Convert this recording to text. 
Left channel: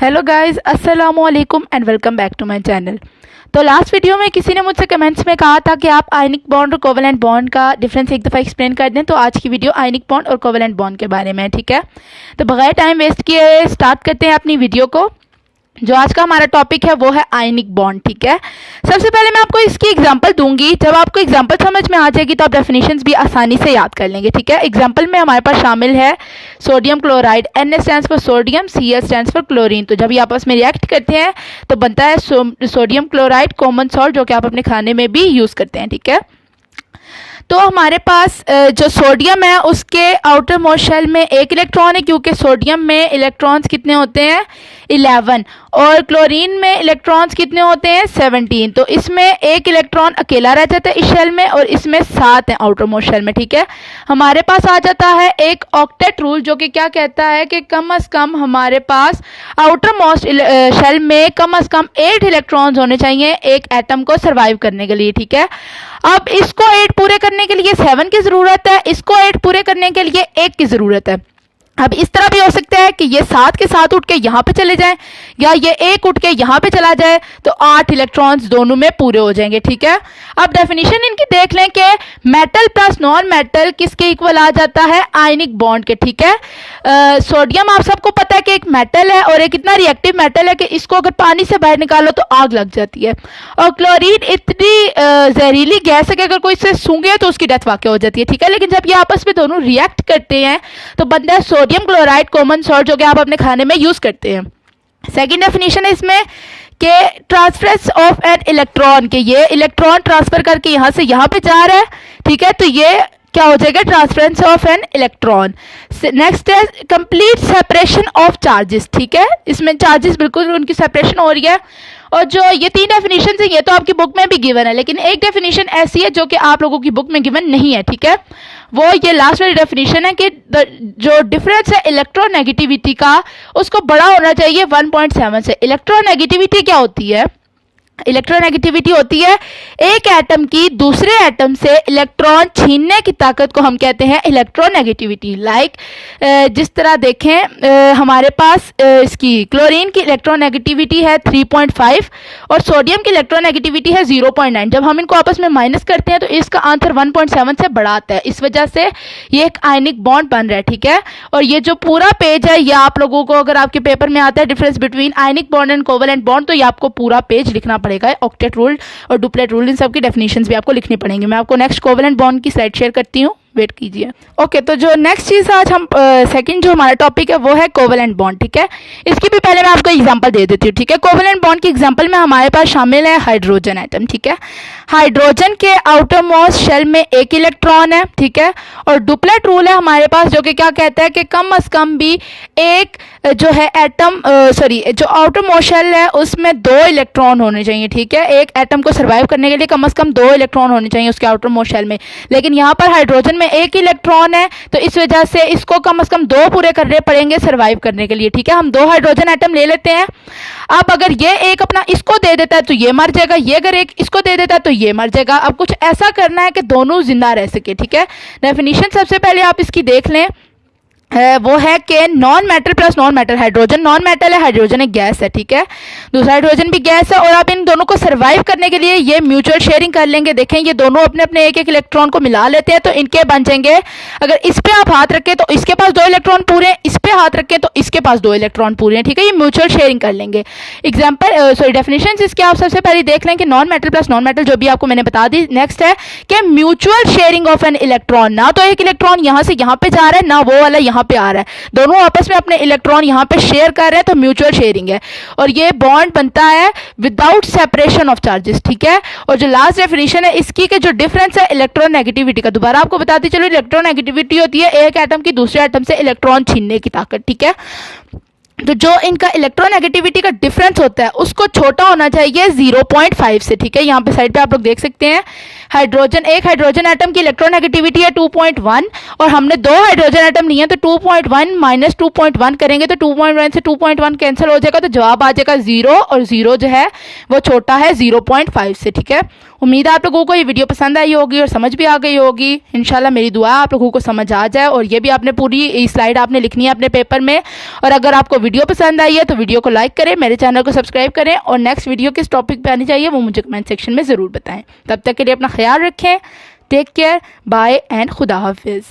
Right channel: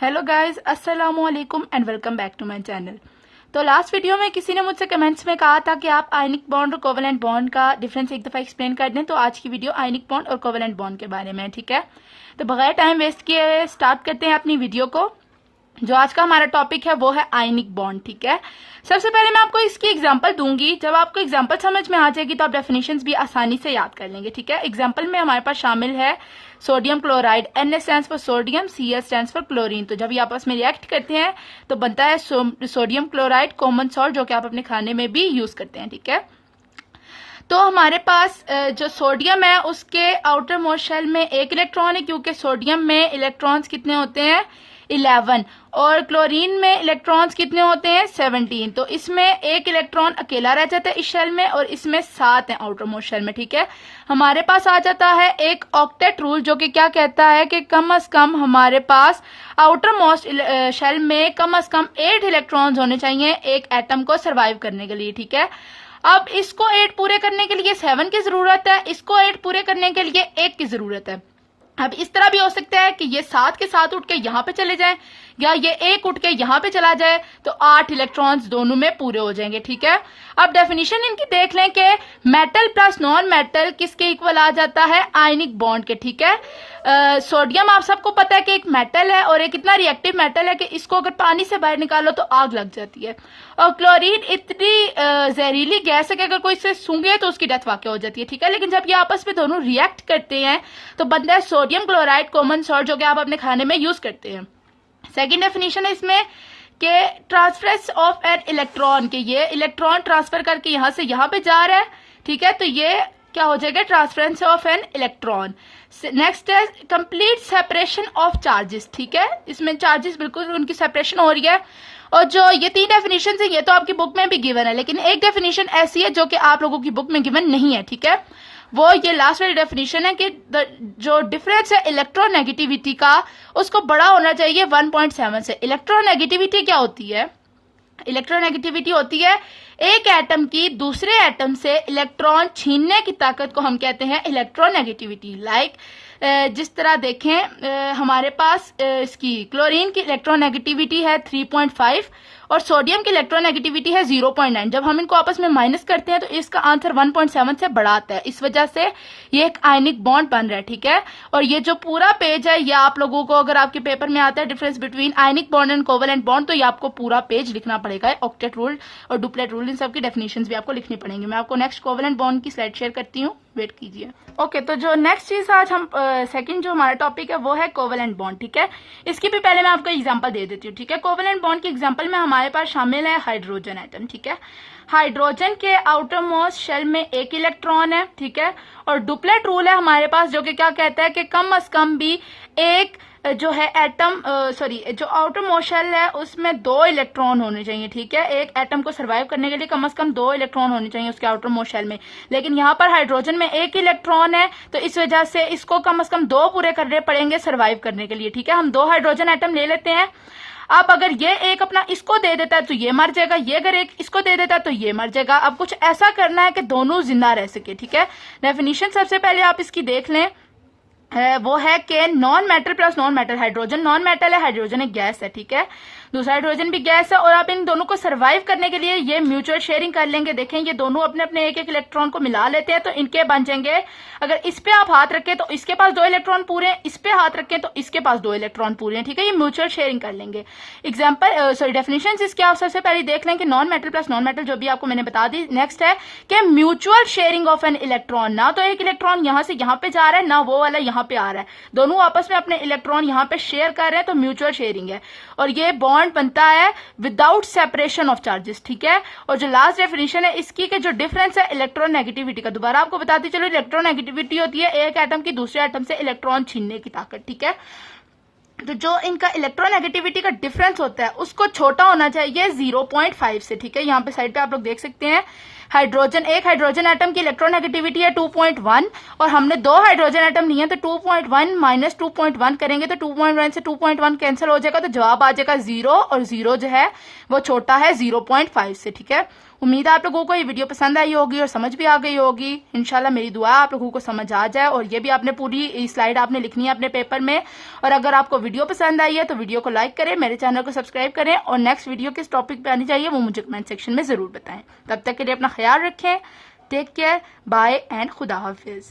Hello guys, अस्सलामु अलैकुम and welcome back to my channel. तो लास्ट वीडियो में किसी ने मुझसे कमेंट्स में कहा था कि आप आयनिक बॉन्ड और कोवेलेंट बॉन्ड का डिफरेंस एक दफ़ा एक्सप्लेन कर दें। तो आज की वीडियो आयनिक बॉन्ड और कोवेलेंट बॉन्ड के बारे में है, ठीक है। तो बगैर टाइम वेस्ट किए स्टार्ट करते हैं अपनी वीडियो को। जो आज का हमारा टॉपिक है वो है आयनिक बॉन्ड, ठीक है। सबसे पहले मैं आपको इसकी एग्जांपल दूंगी। जब आपको एग्जांपल समझ में आ जाएगी तो आप डेफिनेशंस भी आसानी से याद कर लेंगे, ठीक है। एग्जांपल में हमारे पास शामिल है sodium chloride, Na stands for sodium, Cl stands for chlorine. तो जब ये आपस में रिएक्ट करते हैं तो बनता है सोडियम क्लोराइड, कॉमन सॉल्ट, जो कि आप अपने खाने में भी यूज़ करते हैं, ठीक है। तो हमारे पास जो सोडियम है उसके आउटर मोस्ट शेल में एक इलेक्ट्रॉन है, क्योंकि सोडियम में इलेक्ट्रॉन्स कितने होते हैं 11, और क्लोरीन में इलेक्ट्रॉन्स कितने होते हैं 17। तो इसमें एक इलेक्ट्रॉन अकेला रह जाता है इस शेल में, और इसमें 7 हैं आउटर मोस्ट शेल में, ठीक है। हमारे पास आ जाता है एक ऑक्टेट रूल, जो कि क्या कहता है कि कम से कम हमारे पास आउटर मोस्ट शेल में कम से कम 8 इलेक्ट्रॉन्स होने चाहिए एक एटम को सर्वाइव करने के लिए, ठीक है। अब इसको 8 पूरे करने के लिए 7 की जरूरत है, इसको 8 पूरे करने के लिए 1 की जरूरत है। अब इस तरह भी हो सकता है कि ये 7 के साथ उठ के यहाँ पे चले जाएं, या ये 1 उठ के यहाँ पे चला जाए, तो 8 इलेक्ट्रॉन्स दोनों में पूरे हो जाएंगे, ठीक है। अब डेफिनेशन इनकी देख लें कि मेटल प्लस नॉन मेटल किसके इक्वल आ जाता है आयनिक बॉन्ड के, ठीक है। सोडियम आप सबको पता है कि एक मेटल है, और एक इतना रिएक्टिव मेटल है कि इसको अगर पानी से बाहर निकालो तो आग लग जाती है। और क्लोरीन इतनी जहरीली गैस है कि अगर कोई इससे सूंघे तो उसकी डेथ वाकई हो जाती है, ठीक है। लेकिन जब ये आपस में दोनों रिएक्ट करते हैं तो बनता है सोडियम क्लोराइड, कॉमन सॉल्ट, जो कि आप अपने खाने में यूज करते हैं। सेकंड डेफिनेशन है इसमें कि ट्रांसफरेंस ऑफ एन इलेक्ट्रॉन, के ये इलेक्ट्रॉन ट्रांसफर करके यहां से यहां पे जा रहा है, ठीक है। तो ये क्या हो जाएगा transference of an electron. Next है कंप्लीट सेपरेशन ऑफ चार्जेस, ठीक है। इसमें चार्जेस बिल्कुल उनकी सेपरेशन हो रही है। और जो ये 3 डेफिनेशन है ये तो आपकी बुक में भी गिवन है, लेकिन एक डेफिनेशन ऐसी है जो कि आप लोगों की बुक में गिवन नहीं है, ठीक है। वो ये लास्ट वाली डेफिनेशन है कि जो डिफरेंस है इलेक्ट्रोनेगेटिविटी का उसको बड़ा होना चाहिए 1.7 से। इलेक्ट्रोनेगेटिविटी क्या होती है? इलेक्ट्रोनेगेटिविटी होती है एक एटम की दूसरे एटम से इलेक्ट्रॉन छीनने की ताकत को हम कहते हैं इलेक्ट्रोनेगेटिविटी। लाइक जिस तरह देखें हमारे पास इसकी क्लोरीन की इलेक्ट्रोनेगेटिविटी है 3.5 और सोडियम की इलेक्ट्रोनेगेटिविटी है 0.9। जब हम इनको आपस में माइनस करते हैं तो इसका आंसर 1.7 से बड़ा आता है। इस वजह से ये एक आयनिक बॉन्ड बन रहा है, ठीक है। और ये जो पूरा पेज है ये आप लोगों को अगर आपके पेपर में आता है difference between ionic bond and covalent bond, तो ये आपको पूरा पेज लिखना पड़ेगा। ऑक्टेट रूल और डुप्लेट रूल इन सब की डेफिनेशंस भी आपको लिखनी पड़ेंगी। मैं आपको नेक्स्ट कोवेलेंट बॉन्ड की स्लाइड शेयर करती हूँ, वेट कीजिए। ओके, तो जो नेक्स्ट चीज आज हम सेकंड जो हमारा टॉपिक है वो है कोवेलेंट बॉन्ड, ठीक है। इसकी भी पहले मैं आपको एग्जांपल दे देती हूँ, ठीक है। कोवेलेंट बॉन्ड की एग्जांपल में हमारे पास शामिल है हाइड्रोजन एटम, ठीक है। हाइड्रोजन के आउटर मोस्ट शेल में एक इलेक्ट्रॉन है, ठीक है। और डुप्लेट रूल है हमारे पास जो कि क्या कहता है कि कम से कम भी एक जो है एटम जो आउटर मोस्ट शेल है उसमें 2 इलेक्ट्रॉन होने चाहिए, ठीक है। एक एटम को सर्वाइव करने के लिए कम से कम 2 इलेक्ट्रॉन होने चाहिए उसके आउटर मोस्ट शेल में, लेकिन यहाँ पर हाइड्रोजन में एक इलेक्ट्रॉन है, तो इस वजह से इसको कम से कम 2 पूरे करने पड़ेंगे सर्वाइव करने के लिए, ठीक है। हम 2 हाइड्रोजन एटम ले लेते हैं। अब अगर ये एक अपना इसको दे देता है तो ये मर जाएगा, ये अगर एक इसको दे देता है तो ये मर जाएगा। अब कुछ ऐसा करना है कि दोनों जिंदा रह सके, ठीक है। डेफिनेशन सबसे पहले आप इसकी देख लें, वो है कि non metal plus non metal. Hydrogen non metal है, हाइड्रोजन एक गैस है, ठीक है। दूसरा हाइड्रोजन भी गैस है, और आप इन दोनों को सर्वाइव करने के लिए ये म्यूचुअल शेयरिंग कर लेंगे। देखें ये दोनों अपने अपने एक इलेक्ट्रॉन को मिला लेते हैं तो इनके बन जाएंगे, अगर इस पे आप हाथ रखें तो इसके पास 2 इलेक्ट्रॉन पूरे हैं, इस पे हाथ रखें तो इसके पास 2 इलेक्ट्रॉन पूरे हैं, ठीक है। ये म्यूचुअल शेयरिंग कर लेंगे। डेफिनेशन इसके आप सबसे पहले देख लें कि non metal plus non metal जो भी आपको मैंने बता दी। नेक्स्ट है कि mutual sharing of an electron, ना तो एक इलेक्ट्रॉन यहां से यहां पे जा रहा है ना वो वाला यहां पे आ रहा है, दोनों आपस में अपने इलेक्ट्रॉन यहां पे शेयर कर रहे हैं, तो म्यूचुअल शेयरिंग है। और ये बॉन्ड बनता है विदाउट सेपरेशन ऑफ चार्जेस, ठीक है। और जो लास्ट डेफिनेशन है इसकी के जो डिफरेंस है इलेक्ट्रोनेगेटिविटी का, दोबारा आपको बताती चलो, इलेक्ट्रोनेगेटिविटी होती है एक एटम की दूसरे एटम से इलेक्ट्रॉन छीनने की ताकत, ठीक है। तो जो इनका इलेक्ट्रोनेगेटिविटी का डिफरेंस होता है उसको छोटा होना चाहिए 0.5 से, ठीक है। यहाँ पे साइड पे आप लोग देख सकते हैं एक हाइड्रोजन एटम की इलेक्ट्रोनेगेटिविटी है 2.1 और हमने 2 हाइड्रोजन एटम लिए हैं, तो 2.1 माइनस 2.1 करेंगे तो 2.1 से 2.1 कैंसिल हो जाएगा, तो जवाब आ जाएगा 0, और 0 जो है वो छोटा है 0.5 से, ठीक है। उम्मीद है आप लोगों को ये वीडियो पसंद आई होगी और समझ भी आ गई होगी। इंशाल्लाह मेरी दुआ आप लोगों को समझ आ जाए, और ये भी आपने पूरी स्लाइड आपने लिखनी है अपने पेपर में। और अगर आपको वीडियो पसंद आई है तो वीडियो को लाइक करें, मेरे चैनल को सब्सक्राइब करें और नेक्स्ट वीडियो किस टॉपिक पे आनी चाहिए वो मुझे कमेंट सेक्शन में ज़रूर बताएं। तब तक के लिए अपना ख्याल रखें। टेक केयर, बाय एंड खुदा हाफिज़।